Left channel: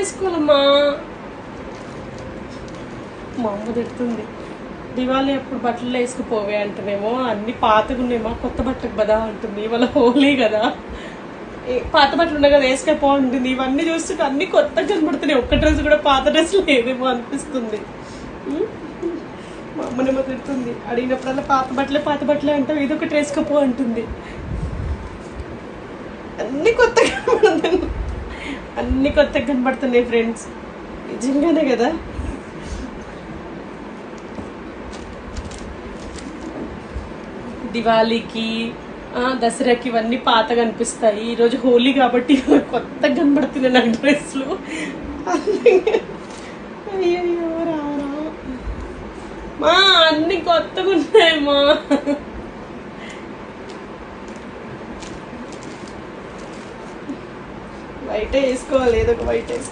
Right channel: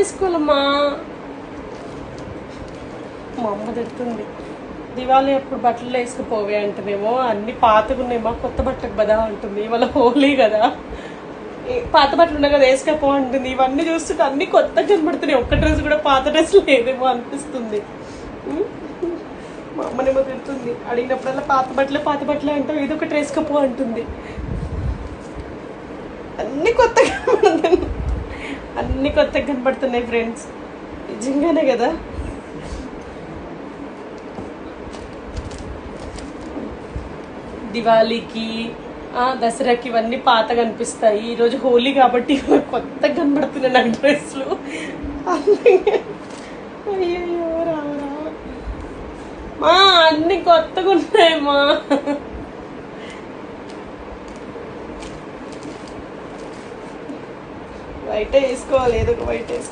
వేసుకోవాలమ్మా. మా అమ్మ తిడుతుంది, దివాళీ అప్పుడు బట్టలు వేసుకుపోవే అంటేనేమో అన్ని పాతగా ఉన్నాయేమో, కొత్త బట్టకు కదా అంటుంది. ఇవాళ హోలీ కదా, పాత బట్టలు ఉన్నాయి కదా వేసుకపో అంటుంది. ఇవన్నీ చూస్తుంటే అన్ని కొత్తగా కనబడుతున్నాయి, ఒక్క డ్రెస్ కూడా పాత డ్రెస్ లేదేమో అనిపిస్తుంది. మా అమ్మనేమో తిడుతుంది, అడిగినప్పుడల్లా పాత బట్టలే అంటే ఏదో ఒకటి వేసుకపో అంటుంది. అన్ని కొత్తగా కనబడుతున్నాయి ఫ్రెండ్స్, నిజంగానే కదా. దివాళీకి దసరాకి ఇవన్నీ పాతగా అనిపిస్తాయి. ఈరోజు హోలీ కాబట్టి కొత్తగా కనబడుతున్నాయి నాకు డ్రెస్లు. అయ్యో రావు మా, అన్ని కొత్తగా ఉన్నాయమ్మా. వైట్ వేసుకోవాలి, ఏదో ఒక వైట్ వేసుకోవాలి.